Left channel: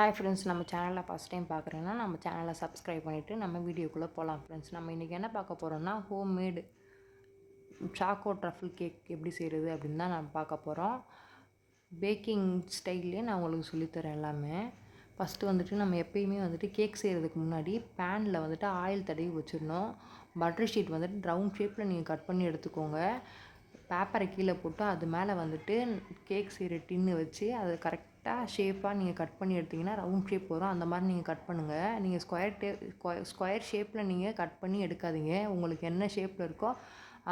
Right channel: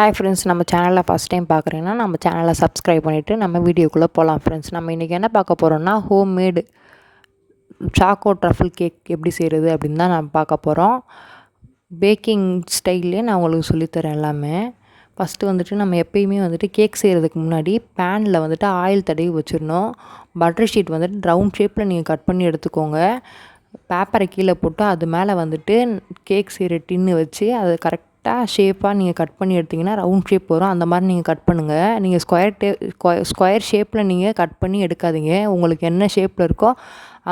Hi friends, நம்ம சேனலில் first time பார்க்குறீங்கன்னா நம்ம சேனலை சப்ஸ்கிரைப் பண்ணிவிட்டு நம்ம வீடியோக்குள்ளே போகலாம். ஃப்ரெண்ட்ஸ், நம்ம இன்றைக்கி என்ன பார்க்க போகிறோம்னா ஹோம்மேடு சாக்கோ ட்ரஃபிள் கேக் எப்படி செய்கிறது அப்படின்னு தான் நம்ம பார்க்க போகிறோம். பேக்கிங் ஸ்டைல்லே நான் உங்களுக்கு சொல்லித்தரேன் எல்லாமே. ஃபஸ்ட்டு வந்துட்டு நம்ம எப்பயுமே வந்துட்டு கேக் செய்கிறதுக்கு முன்னாடி பேனில் வந்துட்டு ஆயில் தடவி வச்சிடணும். பட்டர் ஷீட் வந்துட்டு ரவுண்ட் ஷேப்பில் நீங்கள் கட் பண்ணி எடுத்துக்கோங்க. பேப்பரை கீழே போட்டு அது மேலே வந்துட்டு கேக் செய்கிற டின்னு வச்சு அது கரெக்டாக ஷேப்பாக நீங்கள் கட் பண்ணி எடுத்திங்கன்னா ரவுண்ட் ஷேப் வரும். அந்த மாதிரி நீங்கள் கட் பண்ணுங்கள். நீங்கள் ஸ்கொயர் ஷேப்பில் நீங்கள் கட் பண்ணி எடுக்காதீங்க. உங்களுக்கு என்ன ஷேப்பில் இருக்கோ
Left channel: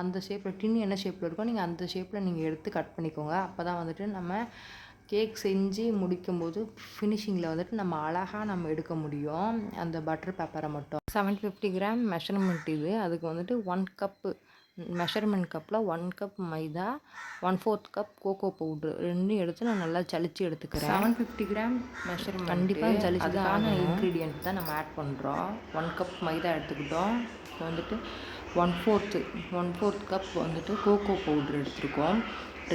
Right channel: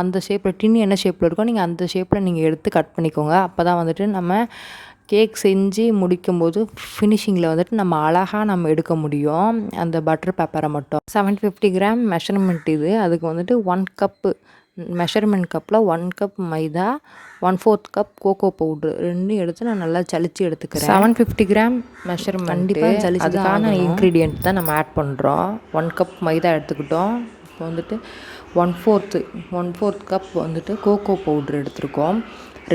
அந்த ஷேப்பில், டின்னு என்ன ஷேப்பில் இருக்கோ நீங்கள் அந்த ஷேப்பில் நீங்கள் எடுத்து கட் பண்ணிக்கோங்க. அப்போ தான் வந்துட்டு நம்ம கேக் செஞ்சு முடிக்கும்போது ஃபினிஷிங்கில் வந்துட்டு நம்ம அழகாக நம்ம எடுக்க முடியும். அந்த பட்டர் பேப்பரை மட்டும் 750 கிராம் மெஷர்மெண்ட் இது. அதுக்கு வந்துட்டு 1 கப்பு மெஷர்மெண்ட் கப்பில் 1 கப் மைதா, 1/4 கப் கோகோ பவுட்ரு ரெண்டும் எடுத்து நான் நல்லா சலிச்சு எடுத்துக்கிறேன். 750 கிராம் மெஷர்மெண்ட் கண்டிப்பாக சலிச்சு அதுக்கான இன்க்ரீடியன்ட் தான் நம்ம ஆட் பண்ணுறோம். 1 கப் மைதா எடுத்துக்கிட்டோம். இப்போ வந்துட்டு 1/4 கப் வந்துட்டு கோகோ பவுட்ரு எடுத்துருக்கோம்.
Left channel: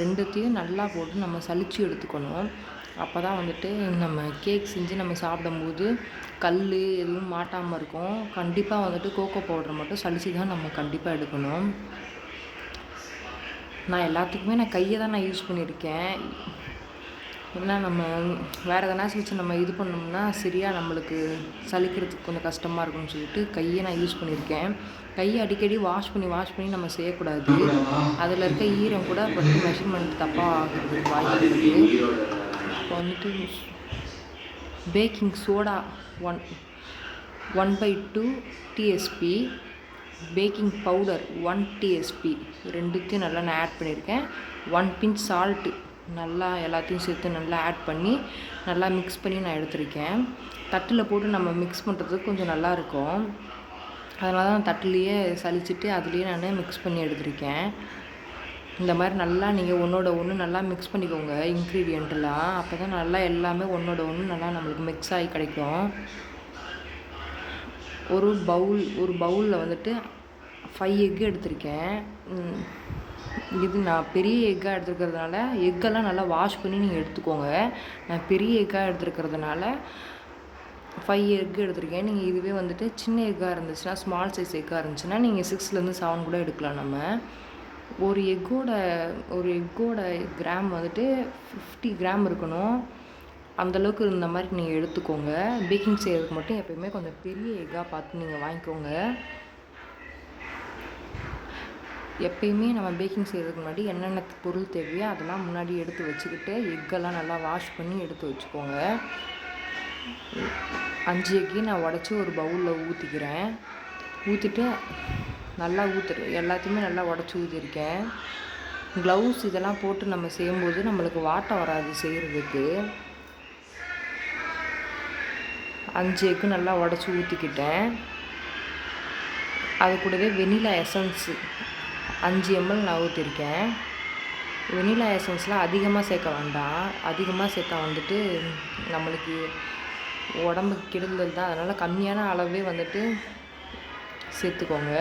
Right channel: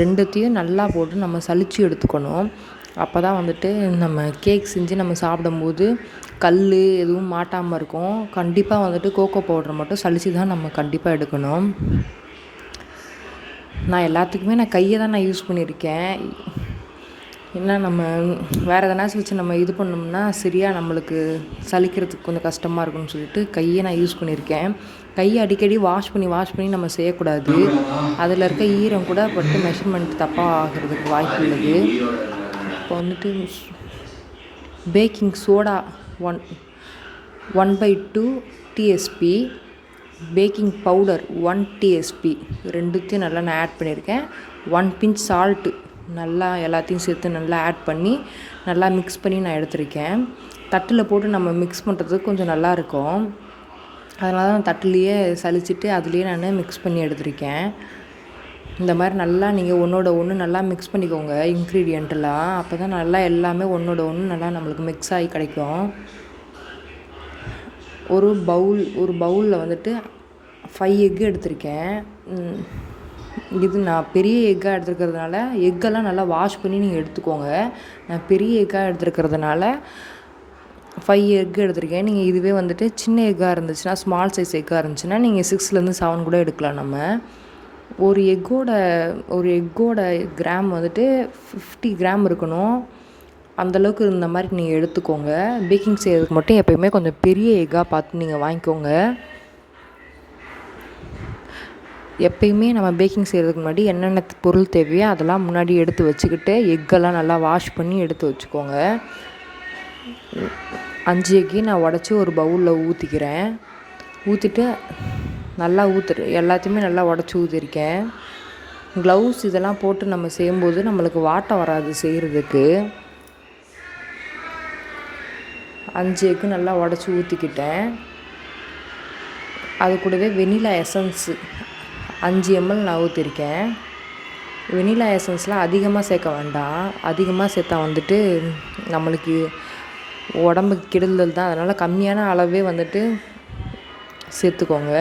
ரெண்டுத்தையும் நல்லா போட்டு நம்ம சலிச்சு எடுத்துக்கணும். அப்போ தான் வந்துட்டு நம்ம கேக் செஞ்சு நம்ம சாப்பிடும்போது கல் எதுவும் மாட்டாமல் இருக்கும். கண்டிப்பாக வந்துட்டு கோகோ பவுடரை மட்டும் சலிச்சு தான் நம்ம கண்டிப்பாக எடுக்கணும். நான் எல்லாத்துக்குமே நான் கையை தான் நான் யூஸ் பண்ணியிருக்கேன். ஏன்னா நம்ம வேறு எதனாச்சும் வச்சு நம்ம இது பண்ணோம்னா சரியாக நம்மளுக்கு சலிக்கிறதுக்கு கொஞ்சம் கஷ்டமாக இருக்கும்னு சொல்லிட்டு கையை நான் யூஸ் பண்ணியிருக்கேன். கையை அடிக்கடி வாஷ் பண்ணி நம்ம செய்யக்கூடாது. அதில் இருக்க ஈரம் கூட பட்டு மெஷர்மெண்ட் தப்பாக ஆகிறதுக்கு வாய்ப்பு உள்ளது. இப்போ வந்துட்டு baking soda 1/2 DSP, baking powder 1 DSP ரெண்டுத்தையும் நல்லா நான் ஆட் பண்ணியிருக்கேன். 1 பிஞ்ச் சால்ட்டு நல்லா எல்லாத்தையும் சேர்த்து நல்லா ஆட் பண்ணி நல்லா மிக்ஸ் பண்ணி நான் எடுத்திருக்கேன். தட்டில் போட்டு நம்ம மிக்ஸ் பண்ணுறதுக்கு கொஞ்சம் நல்லாயிருக்கும். அதனால தான் தட்டுலேயே சலிச்சுட்டு அதுலேயே நான் மிக்ஸ் பண்ணி எடுத்திருக்கேன். இந்த மாதிரி நல்லா நீங்கள் ஒன்றோட ஒன்று நல்லா மிக்ஸ் பண்ணிக்கோங்க இன்க்ரீடியண்ட்டெல்லாம். அப்போ தான் நல்லா எல்லாமே ஒன்றோட ஒன்று நல்லா நம்மளுக்கு மிக்ஸ் ஆகி கிடைக்கும். ஒரு பவுலில் வந்துட்டு 5 எக்கு எடுத்திருக்கேன். இது நான் பெரிய எக்காக எடுத்துருக்கிறதுனால எக்கெல்லாம் நல்லா வாஷ் பண்ணி நீங்கள் எடுத்துக்கோங்க. நான் பெரிய எக்காக எடுத்துருக்கிறதுனால 5 எக்கு எடுத்திருக்கேன். நீங்கள் இதுவே வந்துட்டு சின்ன எக்காக இருந்துச்சுன்னா, ஸ்மால் சைஸ் எக்காக இருந்துச்சுன்னா நீங்கள் 6லேருந்து 7 கூட எடுக்கலாம். நம்ம ஒரு எக்கோட கிராம் வந்துட்டு 50 கிராம் இருக்கணும். அந்தளவுக்கு இந்த மாதிரி நீங்கள் எடுத்துக்கோங்க. பேக்கிங் செய்கிறதுக்கு மட்டும் எப்போயுமே கொஞ்சம் பெரிய எக்காக பார்த்து நீங்கள் வாங்கிக்கோங்க. எப்பயுமே நம்ம பேக்கிங் செய்கிறதுக்கு முன்னாடி என்னென்ன பொருள் தேவையோ அதெல்லாம் முன்னாடி எடுத்து வச்சுக்கிட்டு எக்கெல்லாம் நல்லா வாஷ் பண்ணி எடுத்து வச்சுக்கோங்க. 5 எக்கையும் நான் உடச்சி ஒரு பவுலில் ஊற்றிக்கிறேன். ஊற்றிட்டு நல்லா எல்லாத்தையுமே நல்லா உடச்சி ஊற்றிருக்கேன். க்ளவுஸ் இதெல்லாம் போட்டு நம்ம செய்யும்போது நம்மளுக்கு வாட்டம் வராது செய்கிறதுக்கு. 5 எக்கு நல்லா உடச்சி ஊற்றிக்கிட்டேன். அது கூடவே வெனிலா எசன்ஸு 5 ml நான் ஊற்றிருக்கேன். வெனிலா எசன்ஸ்லாம் அதிகமாக சேர்க்க வேண்டாம். அதிகமாக சேர்த்தா வந்துட்டு நம்மளுக்கு உடம்புக்கு கெடுதல் தான். அதனால் கம்மியான அளவே வந்துட்டு சேர்த்துக்கோங்க.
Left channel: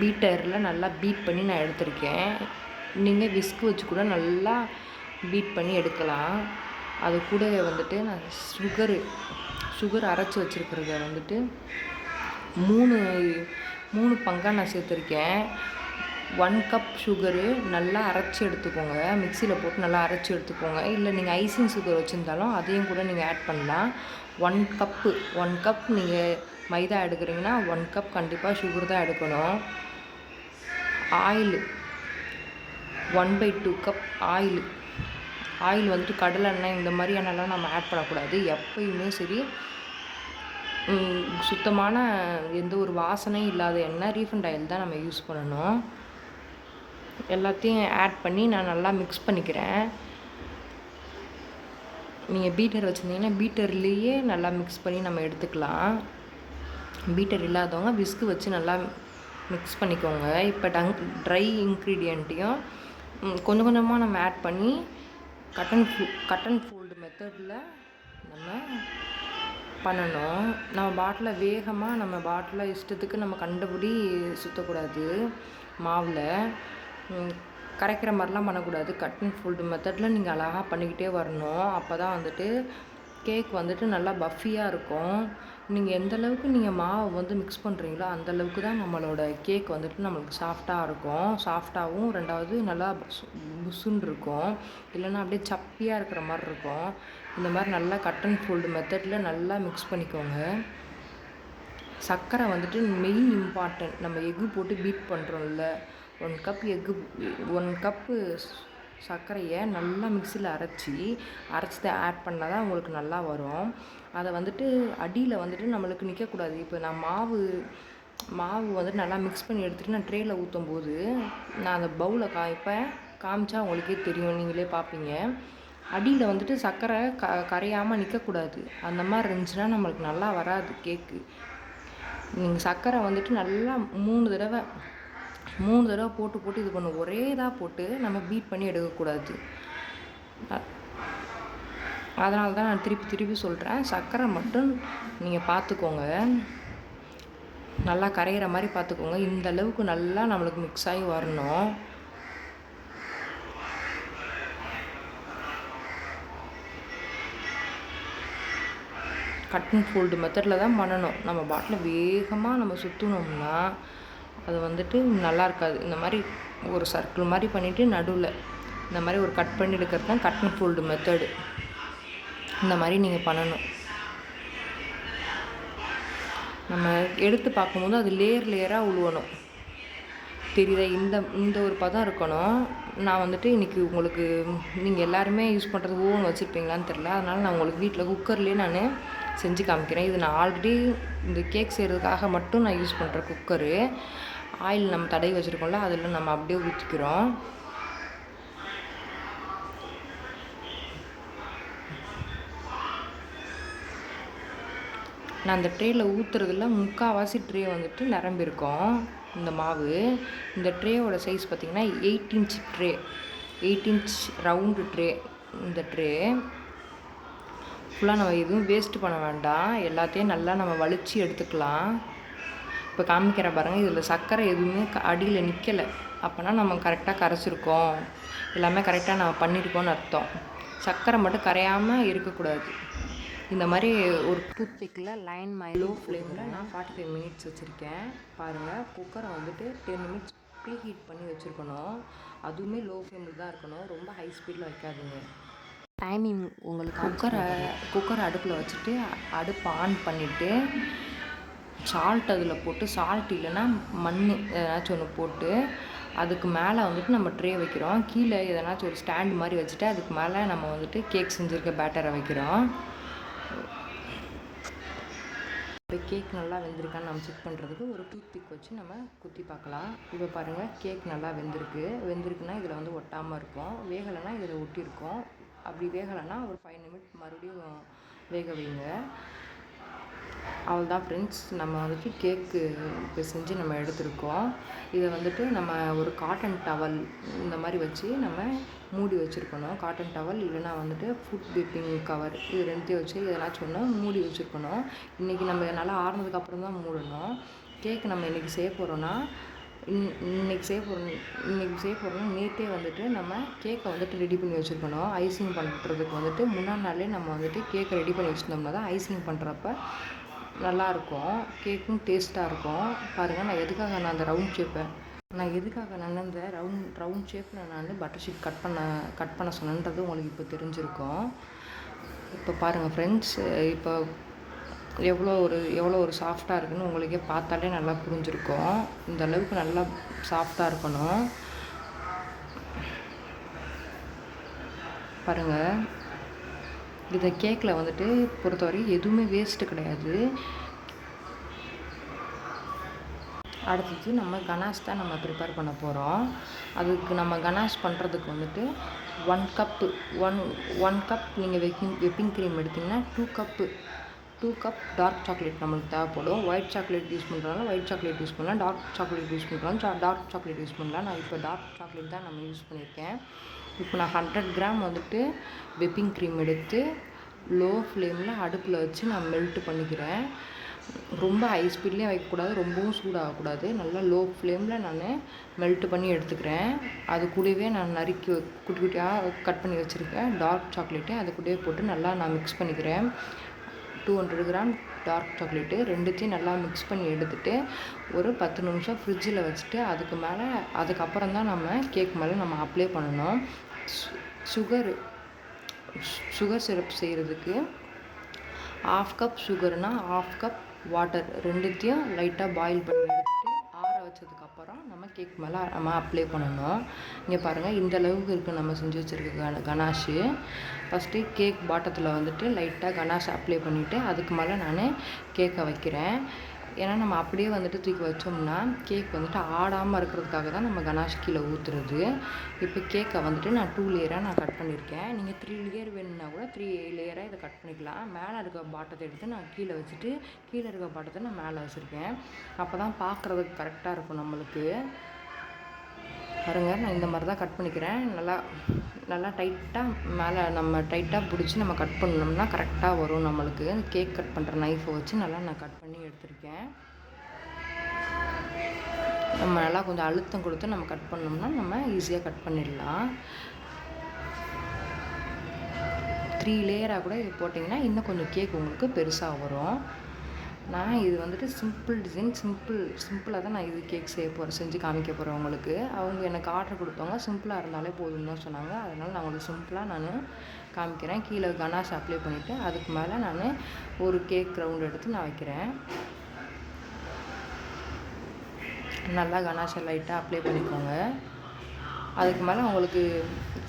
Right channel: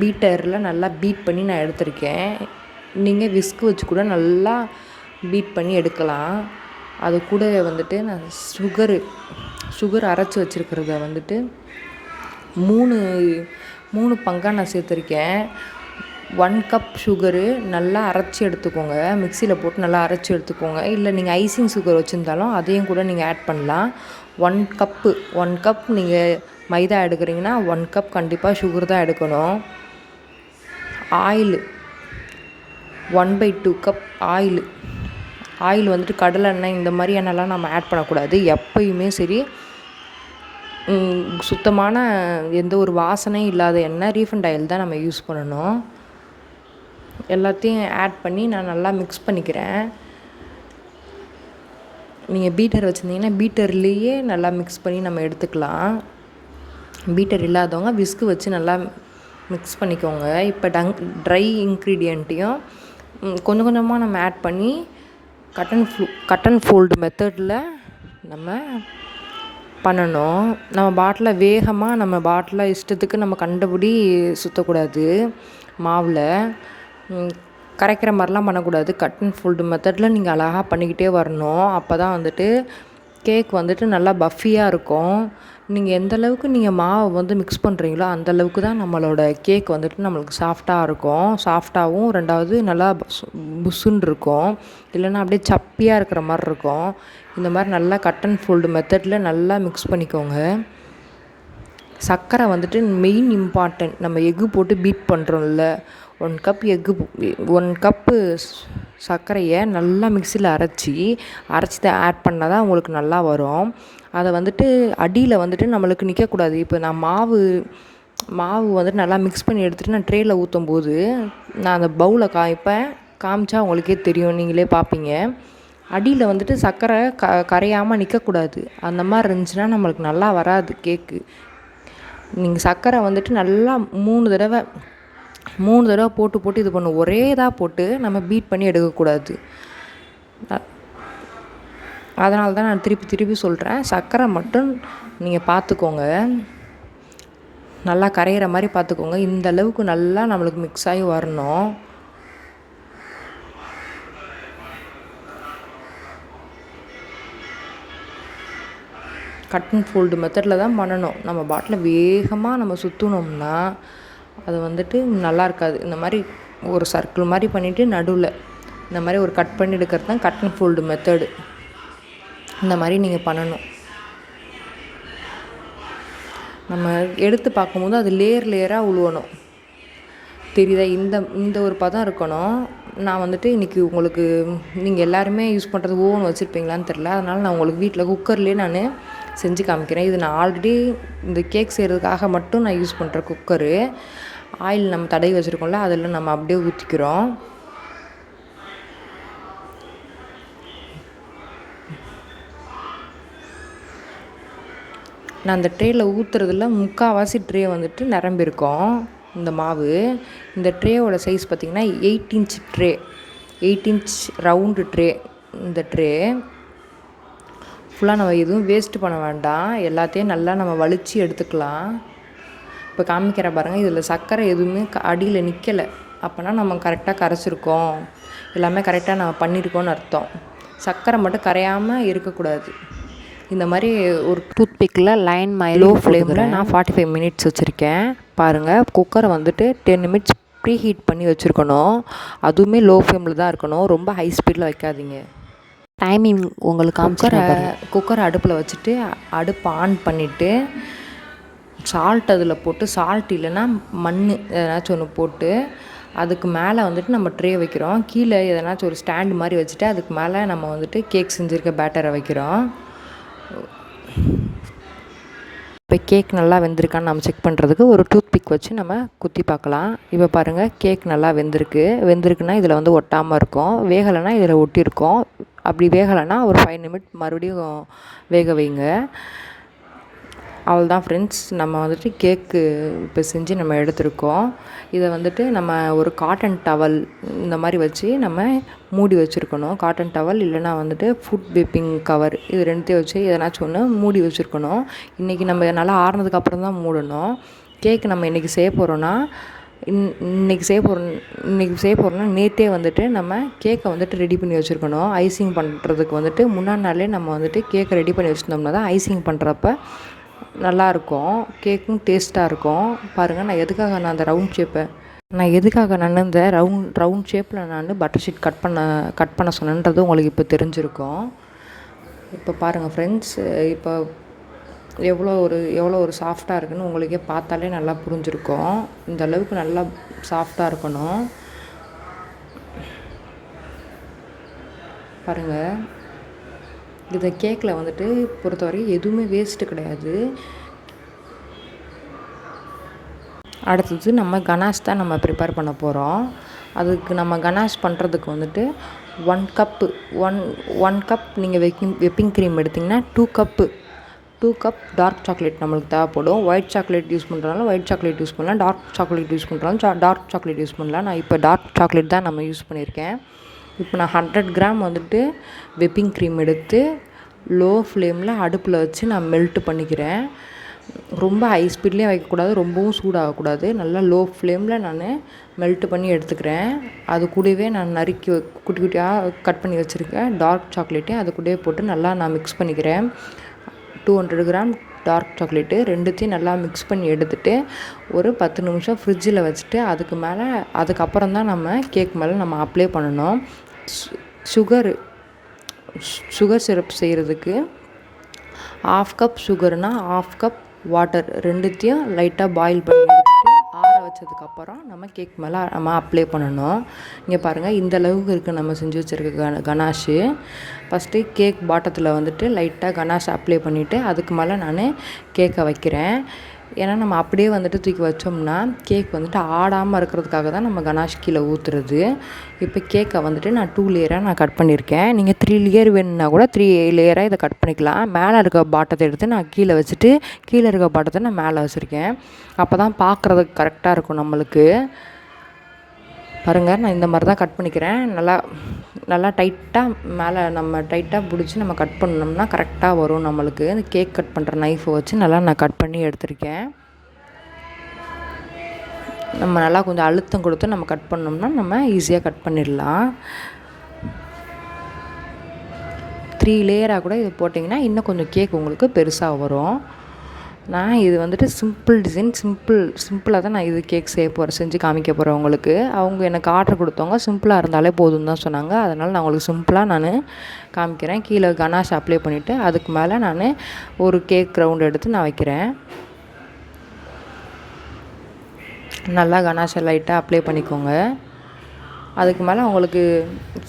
பீட்டரில் நல்லா பீட் பண்ணி நான் எடுத்திருக்கேன். நீங்கள் விஸ்க் வச்சு கூட நல்லா பீட் பண்ணி எடுக்கலாம். அது கூட வந்துட்டு நான் சுகர் அரைச்சி வச்சுருக்கிறத வந்துட்டு 3 பங்காக நான் சேர்த்துருக்கேன். 1 கப் சுகரு நல்லா அரைச்சி எடுத்துக்கோங்க. மிக்சியில் போட்டு நல்லா அரைச்சி எடுத்துக்கோங்க. இல்லை நீங்கள் ஐசிங் சுகர் வச்சுருந்தாலும் அதையும் கூட நீங்கள் ஆட் பண்ணலாம். 1 கப் நீங்கள் மைதா எடுக்கிறீங்கன்னா 1 கப் கண்டிப்பாக சுகர் தான் எடுக்கணும். ஆயில் 1/2 கப் ஆயில் வந்துட்டு கடலை எண்ணெய் இந்த மாதிரி எண்ணெய்லாம் நம்ம ஆட் பண்ணக்கூடாது. எப்பயுமே சரி சுத்தமான எந்த ஒரு வாசனையும் இல்லாத எண்ணெய் ரீஃபைண்ட் ஆயில் தான் நம்ம யூஸ் பண்ணணும். எல்லாத்தையும் ஆட் பண்ணி நான் நல்லா மிக்ஸ் பண்ணிக்கிறேன். நீங்கள் பீட்டர் வச்சுருந்தீங்கன்னா பீட்டர்லேயே நல்லா மிக்ஸ் பண்ணி நம்ம எடுத்துக்கலாம். பீட்டர் இல்லாதவங்க விஸ்கு வச்சு நல்லா மிக்ஸ் பண்ணிக்கோங்க. இப்போ ட்ரை இன்க்ரீடியண்ட்டையும் கொஞ்சம் கொஞ்சமாக நம்ம ஆட் பண்ணி கட் அண்ட் ஃபோல்டு மெத்தடில் நம்ம பண்ணணும். நம்ம பாட்டில் இஷ்டத்துக்கு நம்ம கண்டபடி சுற்றக்கூடாது மாவில். கரைக்கிற மாதிரிலாம் பண்ணக்கூடாது. கட் அண்ட் ஃபோல்டு மெத்தடில் நீங்கள் அழகாக பண்ணிக்கிட்டே வரணும். அப்போ தான் வந்துட்டு கேக் வந்துட்டு நல்லா பஃபியாக இருக்கும். நீங்கள் எந்த அளவுக்கு நீங்கள் மாவை வந்து மிக்ஸ் பண்ணுறீங்களோ அந்தளவுக்கு தான் நம்மளோட கேக் வந்துட்டு நம்மளுக்கு சாஃப்டாக இருக்கும். சாஃப்டாகவும் 2வது நல்லா புஸ்ஸுன்னு இருக்கும். இல்லைன்னா அப்படியே சப்பியாக இருக்கிற மாதிரி இருக்கும். இந்த மாதிரி நல்லா கட் அண்ட் ஃபோல்டு மெத்தடில் நல்லா மிக்ஸ் பண்ணிக்கோங்க. சர்க்கரை வந்துட்டு மெயின் இம்பார்ட்டன்ட். நம்ம எக்கு போட்டு பீட் பண்ணுறோம்ல, 1 கப்பு சர்க்கரையை நல்லா மிக்சியில் அரைச்சி தான் ஆட் பண்ணால் தான் உங்களுக்கு நல்லா வரும். அதை வந்துட்டு அடியில் வந்துட்டு நம்மளுக்கு நிற்கக்கூடாது. இப்போ நான் மாவு வந்துட்டு நல்லா மிக்ஸ் பண்ணி எடுத்துகிட்டு நான் ட்ரேயில் ஊற்றும் போது நான் அந்த பவுலை காமிச்சா உங்களுக்கே தெரியும், நீங்களே பார்ப்பீங்க. அடியில் வந்துட்டு சர்க்கரை கரையாமல் நிற்கக்கூடாது. அந்த மாதிரி இருந்துச்சுன்னா நம்மளுக்கு நல்லா வராது கேக்கு. நீங்கள் சர்க்கரை வந்துட்டு நல்லா 3 தடவை போட்டு இது பண்ணும். ஒரே இதாக போட்டு நம்ம பீட் பண்ணி எடுக்கக்கூடாது. அதனால தான் நான் திருப்பி சொல்கிறேன். சர்க்கரை மட்டும் நீங்கள் பார்த்துக்கோங்க, நல்லா கரையிற மாதிரி பார்த்துக்கோங்க. இந்த அளவுக்கு நல்லா நம்மளுக்கு மிக்ஸ் ஆகி வரணும். கட் அண்ட் ஃபோல்டு மெத்தடில் தான் பண்ணணும். நம்ம பாட்டில் வேகமாக நம்ம சுற்றினோம்னா அது வந்துட்டு நல்லா இருக்காது. இந்த மாதிரி ஒரு சர்க்கிள் மாதிரி பண்ணிவிட்டு நடுவில் இந்த மாதிரி ஒரு கட் பண்ணி எடுக்கிறது தான் கட் அண்ட் ஃபோல்டு மெத்தடு. இந்த மாதிரி நீங்கள் பண்ணணும். நம்ம எடுத்து பார்க்கும்போது அது லேயராக உழுவணும். தெரியுதா? இந்த ஒரு பதம் இருக்கணும். நான் வந்துட்டு இன்றைக்கி உங்களுக்கு, நீங்கள் எல்லாருமே யூஸ் பண்ணுறது ஓவன் வச்சுருப்பீங்களான்னு தெரில, அதனால் நான் உங்களுக்கு வீட்டில் குக்கர்லேயே நான் செஞ்சு காமிக்கிறேன். இது நான் ஆல்ரெடி இந்த கேக் செய்கிறதுக்காக மட்டும் நான் யூஸ் பண்ணுற குக்கரு. ஆயில் நம்ம தடவி வச்சுருக்கோம்ல, அதில் நம்ம அப்படியே ஊற்றிக்கிறோம். நான் அந்த ட்ரேயில் ஊற்றுறதுல 3/4 ட்ரே வந்துட்டு நிரம்பியிருக்கோம் இந்த மாவு. இந்த ட்ரேவோட சைஸ் பார்த்திங்கன்னா 8 inch tray, 8 inch round tray. இந்த ட்ரே ஃபுல்லாக நம்ம எதுவும் வேஸ்ட்டு பண்ண வேண்டாம். எல்லாத்தையும் நல்லா நம்ம வலித்து எடுத்துக்கலாம். இப்போ காமிக்கிற பாருங்கள், இதில் சர்க்கரை எதுவுமே அடியில் நிற்கலை. அப்போனா நம்ம கரெக்டாக கரைச்சிருக்கோம், எல்லாமே கரெக்டாக நம்ம பண்ணியிருக்கோன்னு அர்த்தம். சர்க்கரை மட்டும் கரையாமல் இருக்கக்கூடாது. இந்த மாதிரி ஒரு டூத்பிக்கில் லைன் லோ ஃப்ளேமில் நான் 45 மினிட்ஸ் வச்சுருக்கேன். பாருங்கள், குக்கரை வந்துட்டு 10 நிமிட்ஸ் ப்ரீ ஹீட் பண்ணி வச்சுருக்கணும். அதுவுமே லோ ஃப்ளேமில் தான் இருக்கணும், ரொம்ப ஹை ஸ்பீடில் வைக்காதீங்க. டைமிங் உங்களுக்கு குக்கரை அடுப்பில் வச்சுட்டு அடுப்பு ஆன் பண்ணிவிட்டு சால்ட் அதில் போட்டு, சால்ட் இல்லைன்னா மண் எதனாச்சும் ஒன்று போட்டு அதுக்கு மேலே வந்துட்டு நம்ம ட்ரே வைக்கிறோம். கீழே எதனாச்சும் ஒரு ஸ்டாண்டு மாதிரி வச்சுட்டு அதுக்கு மேலே நம்ம வந்துட்டு கேக் செஞ்சுருக்க பேட்டரை வைக்கிறோம். இப்போ கேக் நல்லா வெந்திருக்கான்னு நம்ம செக் பண்ணுறதுக்கு ஒரு டூத்பிக் வச்சு நம்ம குத்தி பார்க்கலாம். இப்போ பாருங்கள், கேக் நல்லா வெந்திருக்குன்னா இதில் வந்து ஒட்டாமல் இருக்கும். வேகலைன்னா இதில் ஒட்டியிருக்கோம். அப்படி வேகலைன்னா ஒரு 5 நிமிட் மறுபடியும் வேக வைங்க. அவ்வளோதான் ஃப்ரெண்ட்ஸ், நம்ம வந்துட்டு கேக்கு இப்போ செஞ்சு நம்ம எடுத்துருக்கோம். இதை வந்துட்டு நம்ம ஒரு காட்டன் டவல் இந்த மாதிரி வச்சு நம்ம மூடி வச்சுருக்கணும். காட்டன் டவல் இல்லைனா வந்துட்டு ஃபுட் பேப்பிங் கவர், இது 2த்தையும் வச்சு எதனாச்சும் ஒன்று மூடி வச்சுருக்கணும். இன்றைக்கி நம்ம நல்லா ஆறுனதுக்கப்புறம் தான் மூடணும். கேக்கு நம்ம இன்றைக்கி செய்ய போகிறோன்னா இன்றைக்கி செய்ய போகிறோன்னா நேற்றே வந்துட்டு நம்ம கேக்கை வந்துட்டு ரெடி பண்ணி வச்சுருக்கணும். ஐசிங் பண்ணுறதுக்கு வந்துட்டு முன்னாடி நாளே நம்ம வந்துட்டு கேக்கை ரெடி பண்ணி வச்சுருந்தோம்னா தான் ஐசிங் பண்ணுறப்ப நல்லாயிருக்கும், கேக்கும் டேஸ்ட்டாக இருக்கும். பாருங்கள், நான் எதுக்காக அந்த ரவுண்ட் ஷேப்பில் நான் பட்டர் ஷீட் கட் பண்ண சொன்னேன்றது உங்களுக்கு இப்போ தெரிஞ்சிருக்கும். இப்போ பாருங்கள் ஃப்ரெண்ட்ஸ், இப்போ எவ்வளோ ஒரு சாஃப்டாக இருக்குதுன்னு உங்களுக்கே பார்த்தாலே நல்லா புரிஞ்சிருக்கும். இந்த அளவுக்கு நல்லா சாஃப்டாக இருக்கணும். பாருங்கள், இந்த கேக்கில் வந்துட்டு பொறுத்தவரை எதுவுமே வேஸ்ட்டு கிடையாது. அடுத்தது நம்ம கனாஷ் தான் நம்ம ப்ரிப்பேர் பண்ண போகிறோம். அதுக்கு நம்ம கனாஷ் பண்ணுறதுக்கு வந்துட்டு 1 கப் நீங்கள் விப்பிங் க்ரீம் எடுத்திங்கன்னா 2 கப் டார்க் சாக்லேட் நம்மளுக்கு தேவைப்படும். ஒயிட் சாக்லேட் யூஸ் பண்ணுறதுனால ஒயிட் சாக்லேட் யூஸ் பண்ணலாம், டார்க் சாக்லேட் யூஸ் பண்ணுறாலும் டார்க் சாக்லேட் யூஸ் பண்ணலாம். நான் இப்போ டார்க் சாக்லேட் தான் நம்ம யூஸ் பண்ணியிருக்கேன். இப்போ நான் 100 கிராம் வந்துட்டு விப்பிங் க்ரீம் எடுத்து லோ ஃப்ளேமில் அடுப்பில் வச்சு நான் மெல்ட்டு பண்ணிக்கிறேன். ரொம்ப ஹை ஸ்பீட்லேயும் வைக்கக்கூடாது, ரொம்பவும் சூடாகக்கூடாது. நல்லா லோ ஃப்ளேமில் நான் மெல்ட் பண்ணி எடுத்துக்கிறேன். அது கூடவே நான் நறுக்கி குட்டி குட்டியாக கட் பண்ணி வச்சுருக்கேன் டார்க் சாக்லேட்டு அது கூடவே போட்டு நல்லா நான் மிக்ஸ் பண்ணிக்கிறேன். 200 கிராம் டார்க் சாக்லேட்டு ரெண்டுத்தையும் நல்லா மிக்ஸ் பண்ணி எடுத்துகிட்டு ஒரு 10 நிமிஷம் ஃப்ரிட்ஜில் வச்சுட்டு அதுக்கப்புறம் தான் நம்ம கேக் மேலே நம்ம அப்ளை பண்ணணும். சுகர் சிரப் செய்கிறதுக்கு 1/2 கப் சுகர்னால் 1/2 கப் வாட்டர் ரெண்டுத்தையும் லைட்டாக பாயில் பண்ணி எடுத்துகிட்டு ஆற வச்சதுக்கப்புறம் நம்ம கேக் மேலே நம்ம அப்ளை பண்ணணும். இங்கே பாருங்கள், இந்த அளவுக்கு இருக்குது நம்ம செஞ்சு வச்சுருக்க கனாஷு. ஃபஸ்ட்டு கேக் பாட்டத்தில் வந்துட்டு லைட்டாக கனாஷ் அப்ளை பண்ணிவிட்டு அதுக்கு மேலே நான் கேக்கை வைக்கிறேன். ஏன்னா நம்ம அப்படியே வந்துட்டு தூக்கி வச்சோம்னா கேக் வந்துட்டு ஆடாமல் இருக்கிறதுக்காக தான் நம்ம கனாஷ் கீழே ஊற்றுறது. இப்போ கேக்கை வந்துட்டு நான் 2 லேயராக நான் கட் பண்ணியிருக்கேன். நீங்கள் 3 லேயர் வேணும்னா கூட 3 லேயராக இதை கட் பண்ணிக்கலாம். மேலே இருக்க பாட்டத்தை எடுத்து நான் கீழே வச்சுட்டு கீழே இருக்க பாட்டத்தை நான் மேலே வச்சுருக்கேன். அப்போ தான் பார்க்குறதுக்கு கரெக்டாக இருக்கும் நம்மளுக்கு. பாருங்கள், நான் இந்த மாதிரி தான் கட் பண்ணிக்கிறேன். நல்லா டைட்டாக மேலே நம்ம டைட்டாக பிடிச்சி நம்ம கட் பண்ணோம்னா கரெக்டாக வரும் நம்மளுக்கு. இந்த கேக் கட் பண்ணுற நைஃபை வச்சு நல்லா நான் கட் பண்ணி எடுத்திருக்கேன். நம்ம நல்லா கொஞ்சம் அழுத்தம் கொடுத்து நம்ம கட் பண்ணோம்னா நம்ம ஈஸியாக கட் பண்ணிடலாம். 3 லேயராக கூட இது போட்டிங்கன்னா இன்னும் கொஞ்சம் கேக் உங்களுக்கு பெருசாக வரும். நான் இது வந்துட்டு சிம்பிள் டிசைன் சிம்பிளாக தான் நான் இது கேக் செஞ்சு காமிக்க போகிறேன் உங்களுக்கு. அவங்க எனக்கு ஆர்டர் கொடுத்தவங்க சிம்பிளாக இருந்தாலே போதும்னு தான் சொன்னாங்க. அதனால் நான் உங்களுக்கு சிம்பிளாக நான் காமிக்கிறேன். கீழே கனாஷ் அப்ளை பண்ணிவிட்டு அதுக்கு மேலே நான் ஒரு கேக் ரவுண்ட் எடுத்து நான் வைக்கிறேன். நல்லா கனாஷை லைட்டாக அப்ளை பண்ணிக்கோங்க. அதுக்கு மேலே உங்களுக்கு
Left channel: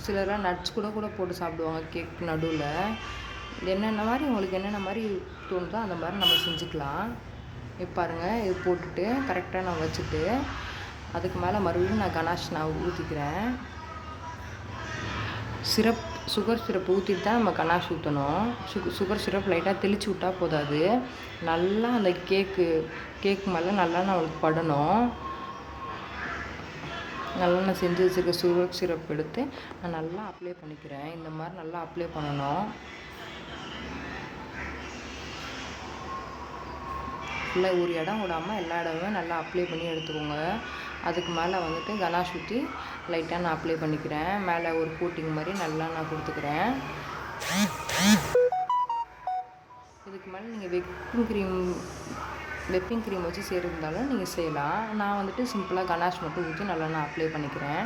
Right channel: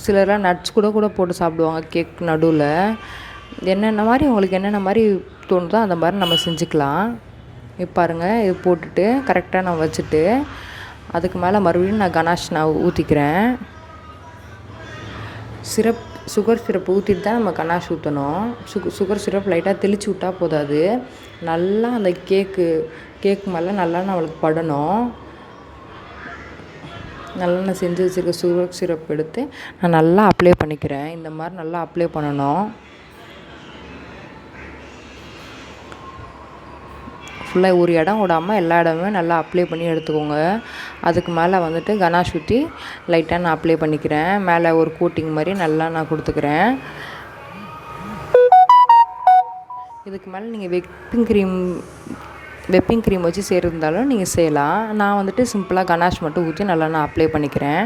சிலர்லாம் நட்ஸ் கூட போட்டு சாப்பிடுவாங்க கேக் நடுவில். உங்களுக்கு என்னென்ன மாதிரி தோணுதோ அந்த மாதிரி நம்ம செஞ்சுக்கலாம். இப்போ பாருங்கள், இது போட்டுட்டு கரெக்டாக நான் வச்சுட்டு அதுக்கு மேலே மறுபடியும் நான் கனாஷ் ஊற்றிக்கிறேன். சுகர் சிரப் ஊற்றிட்டு தான் நம்ம கனாஷ் ஊற்றணும். சுகர் சிரப் லைட்டாக தெளித்து விட்டால் போதாது. நல்லா அந்த கேக் மேலே நல்லா நம்மளுக்கு படணும். நல்லா நான் செஞ்சு வச்சுருக்க சுகர் சிரப் எடுத்து நான் நல்லா அப்ளை பண்ணிக்கிறேன். இந்த மாதிரி நல்லா அப்ளை பண்ணணும். ஃபுல்லாக ஒரு இடம் விடாமல் எல்லா இடமுமே நல்லா அப்ளை பண்ணி எடுத்துக்கோங்க. அதுக்கு மேலே வந்துட்டு கனாஷ் ஊற்றி லைட்டாக நான் அப்ளை பண்ணிக்கிறேன். மேலே ஒரு கோட்டிங் மாதிரி நல்லா நான் கொடுத்துக்கிறேன். இதுக்கு மேலே நீங்கள் வெப்பிங் க்ரீம் வச்சு செய்கிறதாலும் நீங்கள் செய்யலாம். நான் வந்துட்டு சிம்பிளாக கனாஷ் மட்டும் ஊற்றி நல்லா நான் அப்ளை பண்ணிக்கிறேன்.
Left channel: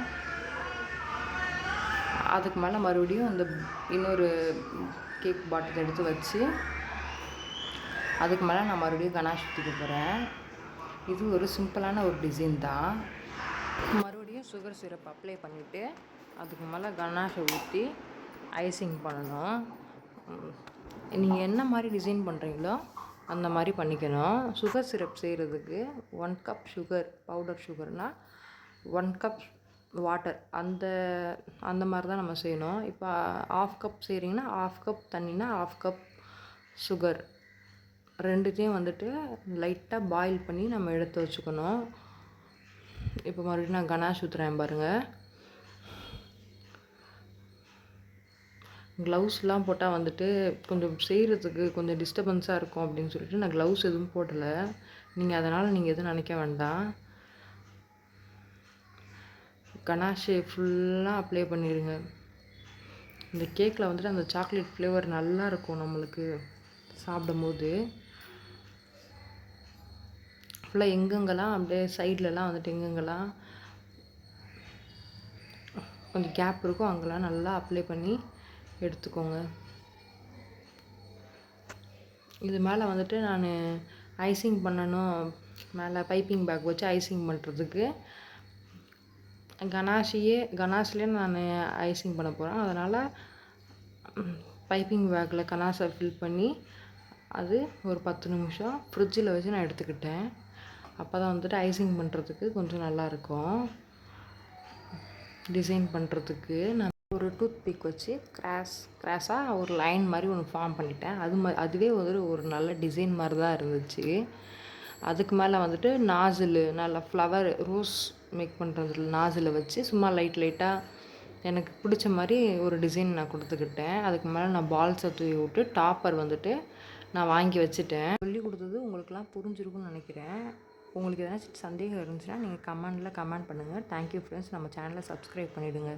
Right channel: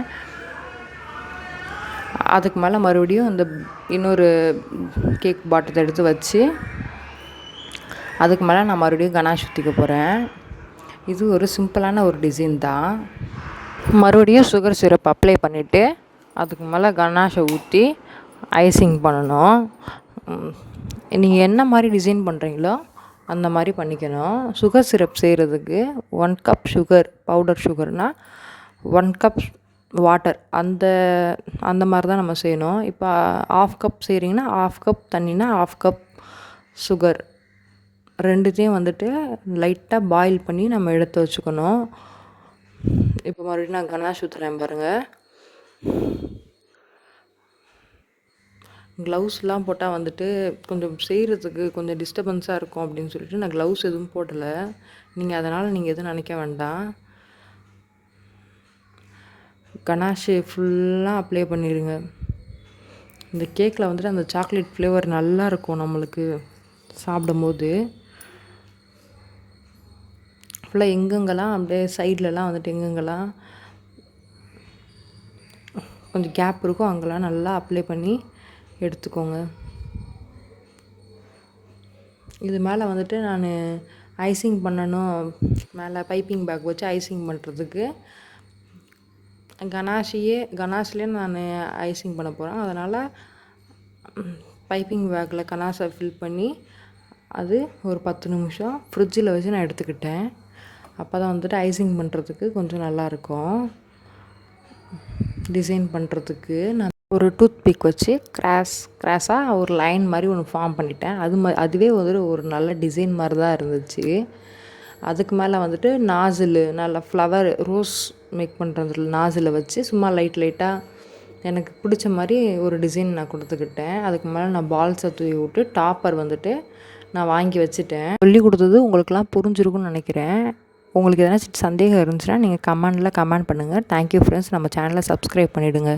அதுக்கு மேலே மறுபடியும் இந்த இன்னொரு கேக் பாட்டத்தை எடுத்து வச்சு அதுக்கு மேலே நான் மறுபடியும் கனாஷ் ஊற்றிக்க போகிறேன். இது ஒரு சிம்பிளான ஒரு டிசைன் தான். மறுபடியும் சுகர் சிரப் அப்ளை பண்ணிவிட்டு அதுக்கு மேலே கனாஷை ஊற்றி ஐசிங் பண்ணணும். நீங்கள் என்ன மாதிரி டிசைன் பண்ணுறீங்களோ அந்த மாதிரி பண்ணிக்கணும். சுகர் சிரப் செய்கிறதுக்கு 1 கப் சுகர், பவுடர் சுகர்னால் 1 கப் வாட்டர், அந்த மாதிரி தான் நம்ம செய்யணும். இப்போ 1/2 கப் செய்கிறீங்கன்னா 1/2 கப் தண்ணினா 1/2 கப் சுகர் ரெண்டுத்தையும் வந்துட்டு லைட்டாக பாயில் பண்ணி நம்ம எடுத்து வச்சுக்கணும். இப்போ மறுபடியும் நான் கனாஷ் ஊற்றுறேன் பாருங்கள். க்ளவுஸ்லாம் போட்டால் வந்துட்டு கொஞ்சம் செய்கிறதுக்கு கொஞ்சம் டிஸ்டர்பன்ஸாக இருக்கும் அப்படின்னு சொல்லிட்டு நான் க்ளவுஸ் எதுவும் போடலை. அதனால் நீங்கள் எதுவும் நினைக்க வேண்டாம். கனாஷு ஃபுல்லாக அப்ளை பண்ணிடுங்க. இந்த கேக்கில் வந்துட்டு அந்த சாக்லேட் ஃப்ளேவர் நல்லா இருக்கும் நம்மளுக்கு சாப்பிடும்போது. ஃபுல்லாக எங்கெங்கெல்லாம் அப்படியே சைட்லலாம் வந்துட்டு எங்கெங்கெல்லாம் கொஞ்சம் கேப் இருக்கும் அங்கெல்லாம் நல்லா அப்ளை பண்ணி எடுத்துக்கோங்க. இது மேலே வந்துட்டு நான் ஐசிங் பண்ணணும். மேலே பைப்பிங் பேக் வச்சு ஐசிங் பண்ணுறதுக்கு கனாஷ்லேயே நான் ஐசிங் பண்ண போகிறேன். அதனால் பைப்பிங் பேக்கில் கனாஷை ஃபில் பண்ணி அது ஒரு 10 நிமிஷம் ஃப்ரிட்ஜில் வச்சு நான் எடுத்துக்கிட்டேன். அப்போ தான் வந்துட்டு ஐசிங் பண்ணுறதுக்கு கொஞ்சம் நல்லாயிருக்கும். டிசைன் பண்ணுறதுக்கு நான் ஒரு டூத் பிக் வச்சு கிராஸாக ஒரு லைன் மாதிரி ஒன்று ஃபார்ம் பண்ணிட்டேன். அதுவே ஒரு நல்ல டிசைன் மாதிரி தான் இருந்துச்சு. அதுக்கு மேலே வந்துட்டு நாசில் நல்லா ஃப்ளவர் ரோஸ் மேக் பண்ணுறதுல நாசில் வச்சு சும்மா லைட்டாக எனக்கு பிடிச்ச மாதிரி ஒரு டிசைன் நான் கொடுத்துக்கிட்டேன். அதுக்கு மேலே நான் பால்ஸை தூவி விட்டு டாப்பர் வந்துட்டு நான் வாங்கி வச்சுட்டேன். சொல்லி கொடுத்தது உங்களுக்குலாம் புரிஞ்சிருக்கும்னு நினைக்கிறேன். உங்களுக்கு எதனா சந்தேகம் இருந்துச்சுன்னா நீங்கள் கமெண்ட் பண்ணுங்கள். Thank you friends. நம்ம சேனலை சப்ஸ்கிரைப் பண்ணிவிடுங்க.